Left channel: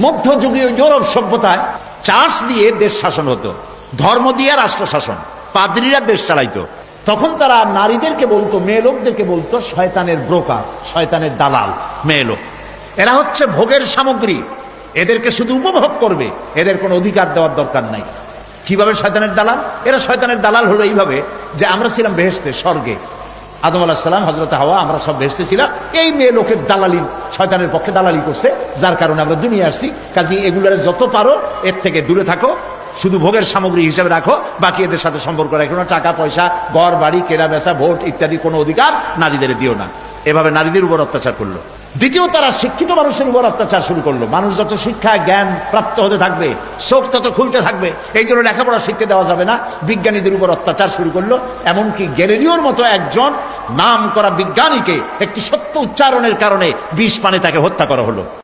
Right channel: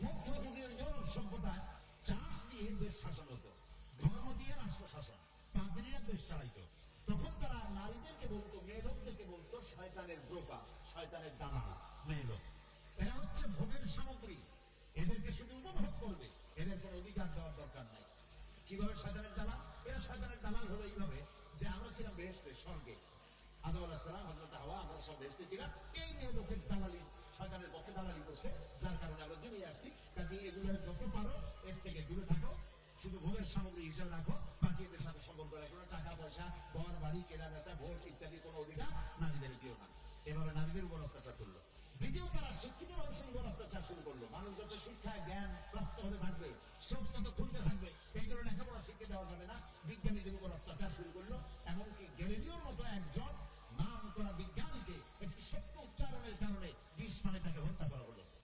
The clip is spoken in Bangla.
মধ্যযুগীয় ইউরোপ সভ্যতায় চাষ দিয়ে দেশ শাসন হতো। ধর্ম দিয়ে রাষ্ট্র শাসন। পাদ্রীরা দেশ চালাইতো। তখন তারা নারীদেরকে বলতো, মেয়ে লোকদেরকে বলতো, শয়তানের ব্রোকার, শয়তানের দালাল, মেয়ে লোক। এরা হচ্ছে ভোগের সামগ্রী। এদেরকে শুধু উপভোগ করবে, এদের কোনো অধিকার দেওয়ার দরকার নাই। কীভাবে শয়তানের দালাল? এরা শয়তানের দালাল হলো এইভাবে যে আমরা ছিলাম বেহেস্তে স্বর্গে। আদম আল্লাহ সাল্লাম হজরত হাওয়া, আমরা সব ভেসতে ছিলাম। এই মেয়ে লোকের দালালি, শয়তানের পক্ষে দালালি করছে, যার কারণে আমরা দুনিয়া আসছি। কাজে এগুলোর যত পারো, এর থেকে দূরে থাকো, শুধু ভোগের সামগ্রী হিসেবে রাখো, বাকি এদের সাথে সম্পর্ক রাখো না। টাকা, পয়সা, ঘর, বাড়ি কেনা বেচা ভোট ইত্যাদি কোনো অধিকার নারীদের দিও না। এভাবে নারীদের উপর অত্যাচার করল। দ্বিতীয়, তারা শিক্ষিত মানুষের উপর অত্যাচার শুরু করল। মানুষ যত শিক্ষা জ্ঞান প্রাপ্ত হতে থাকবে, চোখ তত খুলতে থাকবে, এই জন্য লেখাপড়া শিখতে দেওয়া যাবে না। বিজ্ঞানীদের উপর অত্যাচার শুরু করল, এমনকি গ্যালেরিওর মতো একজন নাম করা বিজ্ঞানীকে একটি সত্য উচ্চারণের কারণে বিষ পানে তাকে হত্যা করা হলো।